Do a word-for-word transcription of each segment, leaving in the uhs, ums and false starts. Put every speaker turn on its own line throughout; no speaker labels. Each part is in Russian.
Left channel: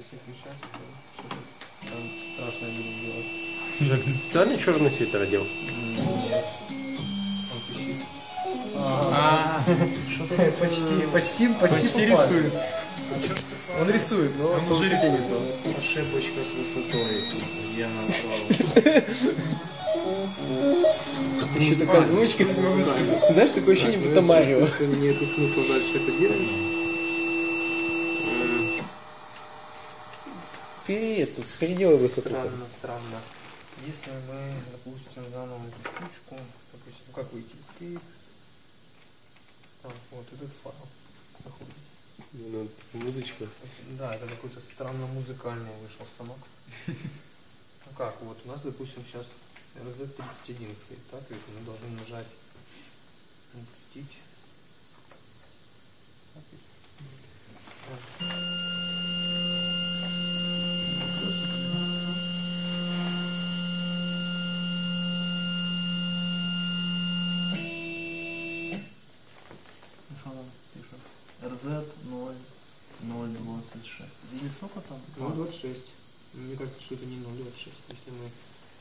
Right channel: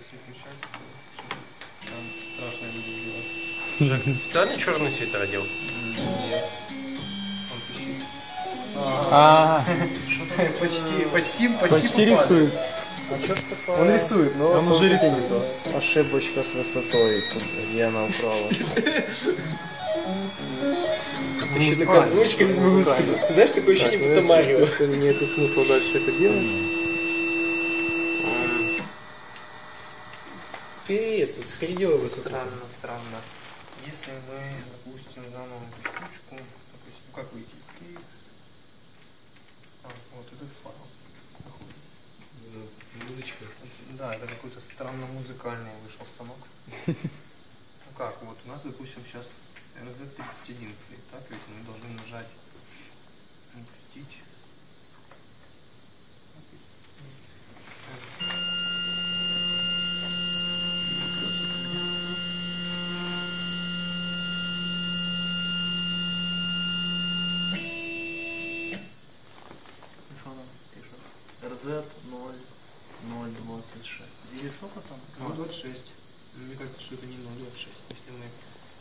Страшное будет делать.
Жак, ты специально черный свитер одел?
Нет. Он пищит.
А,
Почти, почти, почти
почти
попали.
рисует.
А что ж такое?
Он рисует, но
Он уже
высоте
рисует.
не то.
Ошибочка с высотой, где она упала.
Музыка, озвучка не музыкальная. Знаешь, такое ощущение, будто Марио.
Что нету смысла дальше это делать.
Привет, тут схренел высота.
Странно, странно.
Если мы запустим заново эту штучку, допустим, ну как выйти из скейт? Так, вот этот файл. Походу.
Музычка.
Да, это какой-то странно музыкальный вышел станок. Ну как, вот у нас, допустим, сейчас эн зет тридцать один стоит, так? Ведь мы должны нажать запустить. Что там пишет? эр зет ноль ноль двадцать шесть. Видишь, сколько там? ноль двадцать шесть. Мне кажется, что это не ноль двадцать шесть. Если мы...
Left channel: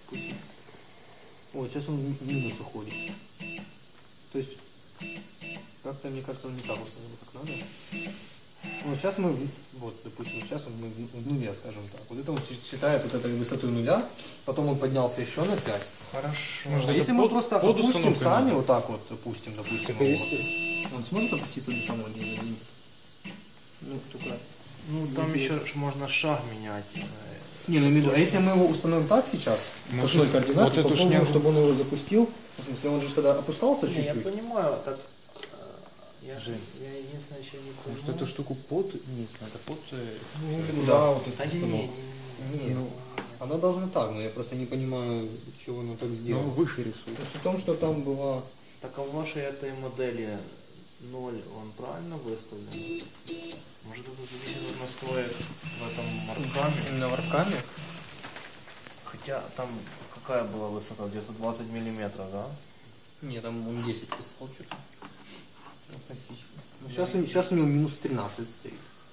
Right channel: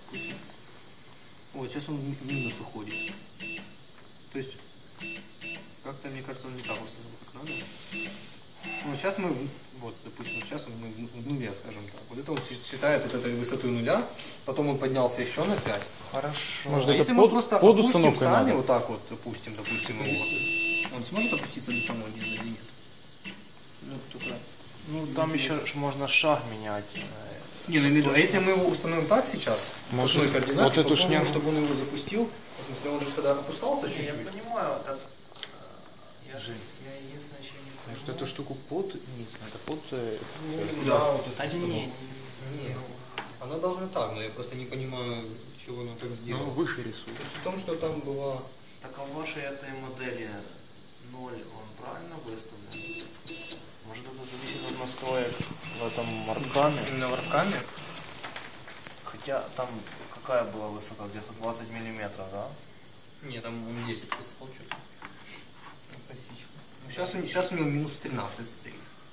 О, сейчас он в минус уходит. То есть, как-то, мне кажется, он не так установил, как надо. Вот сейчас мы, вот, допустим, сейчас мы в нуле, скажем так. Вот это он считает вот этой высотой нуля, потом он поднялся еще на пять.
Хорошо.
Может, а если мы просто под опустим сами, вот так вот, допустим, допустим, его, он сможет опуститься до самого низа или нет? Ну, все правильно.
Ну, там еще можно шаг менять.
Не, ну, а если мы его установим так сейчас,
может,
вот эту шнягу, чтобы он его запустил, в смысле, он же когда опускался чуть-чуть.
Я понимаю, так... Я же единственное еще не понимаю.
Может, эту штуку под... Нет, это под...
Да, вот
А не, не, не.
ну, она должна так, но я просто не понимаю, чего она так сделала.
Он выше рисует.
В том, что там была...
Так а в вашей этой модели ноль, он правильно выставлен? Может, это зависит от настроек в этом маркаме?
На варкаме?
Хотя там какая была высота? Где-то двадцать миллиметров, да?
Нет, там он десять писал что-то. Относительно. Ну, сейчас, у- сейчас у него минус тринадцать стоит.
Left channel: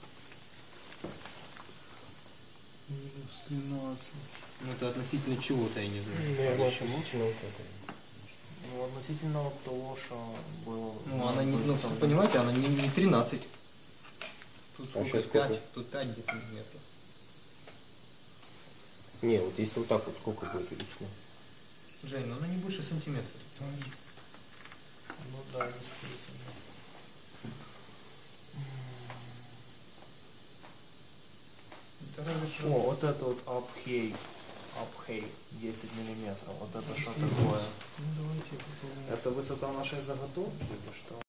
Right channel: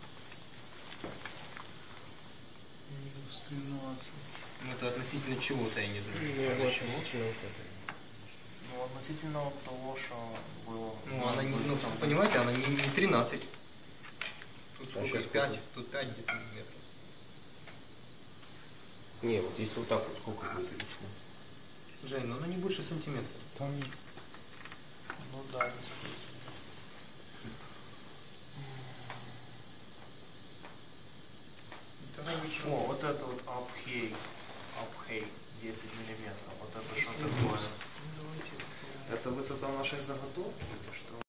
Минус тринадцать.
Ну, это относительно чего-то, я не знаю.
Не, почему? Ну, относительно того, что было...
Ну, она не, ну, понимаете, она не, не тринадцать. Тут сколько? пять, тут пять где-то миллиметров.
Не, вот если вот так вот, сколько будет рисует?
Жень, ну она не больше сантиметров.
Там... Ну да, действительно. О, вот это вот uphay, uphay десять миллиметров. Вот это что такое? Это высота нашей заготовки или что?